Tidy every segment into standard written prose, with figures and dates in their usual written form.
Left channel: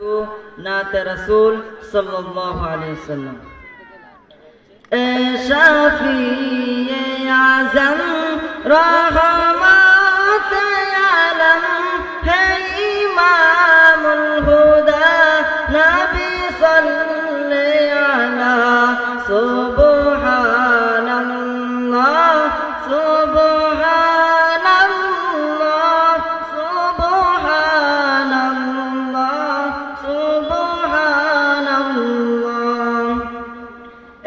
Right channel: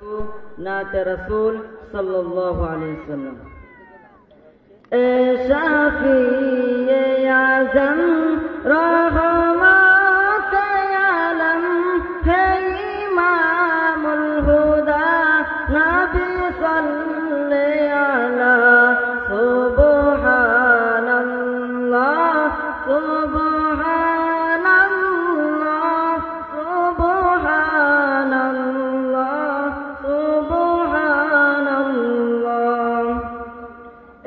नात रसूल सल्लल्लाहु अलैहि वसल्लम। ए शफीए आज़म रहमत आलम है इमामुल हुदा नबी सल्ले अला सुब्हानल्लाह सुब्हानल्लाह सुब्हानल्लाह सुब्हानल्लाह।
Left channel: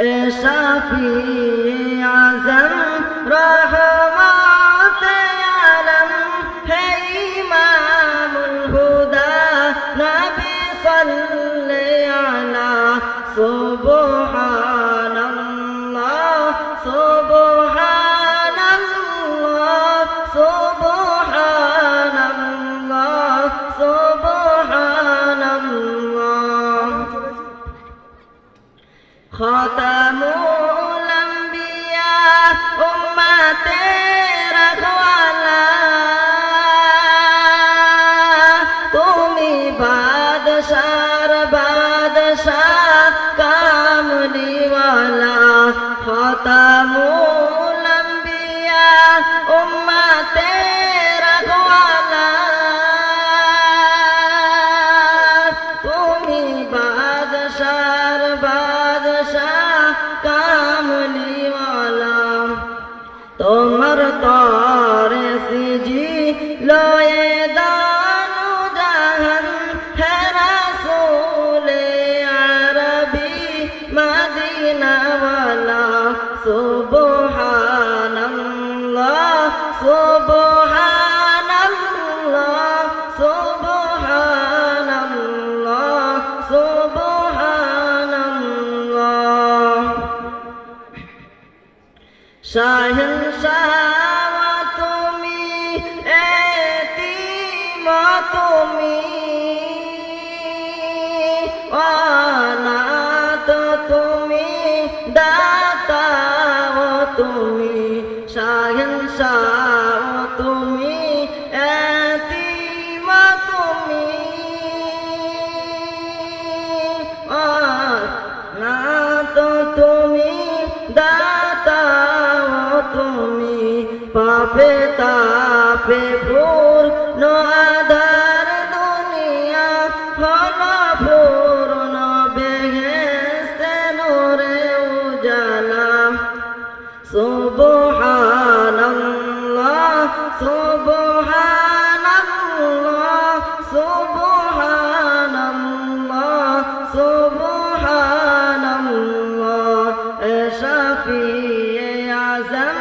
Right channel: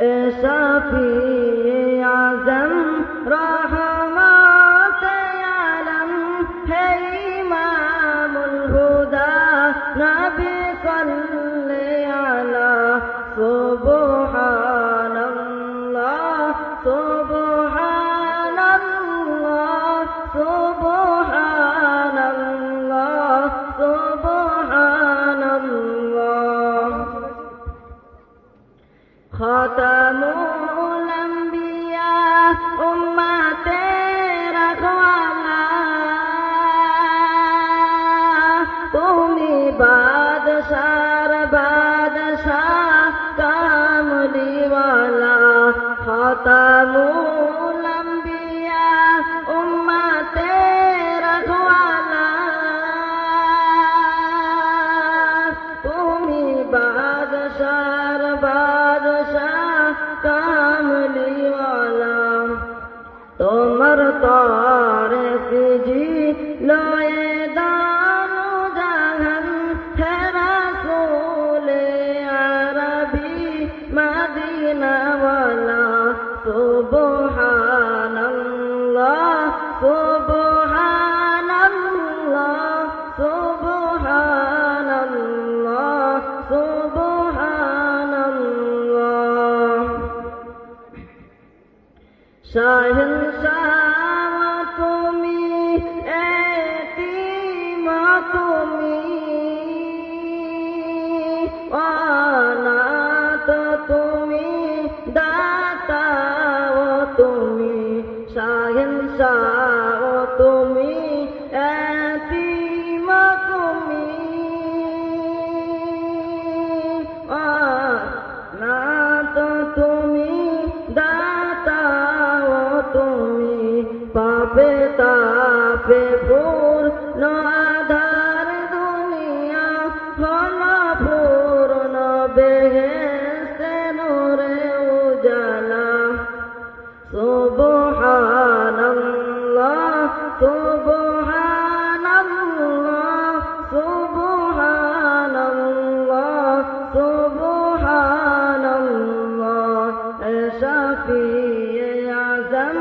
ए शफीए आज़म रहमत आलम है इमामुल हुदा नबी सल्ले अला सुब्हानल्लाह सुब्हानल्लाह सुब्हानल्लाह सुब्हानल्लाह। खातमुल अंबिया उम्मते रखवाला तुमी बादशाह बादशाह कामली वाला। खातमुल अंबिया उम्मते रखवाला तुमी बादशाह बादशाह कामली वाला। তোমার তরে সিজি লয়ে দানু জাহান হে রাসূলে আরবি মদিনা ওয়ালা। সুবহানাল্লাহ সুবহানাল্লাহ সুবহানাল্লাহ সুবহানাল্লাহ। শাহেনশাহ তুমি এতিম তুমি অনাথ তুমি দাতা তুমি। শাহেনশাহ তুমি এতিম তুমি অনাথ তুমি দাতা তুমি। পাপে তাপে পূর্ণ আধার দুনিয়া হল পূর্ণ বেহেশতে নূরে উজালা। সুবহানাল্লাহ সুবহানাল্লাহ সুবহানাল্লাহ সুবহানাল্লাহ। এ শফিয়ে আযম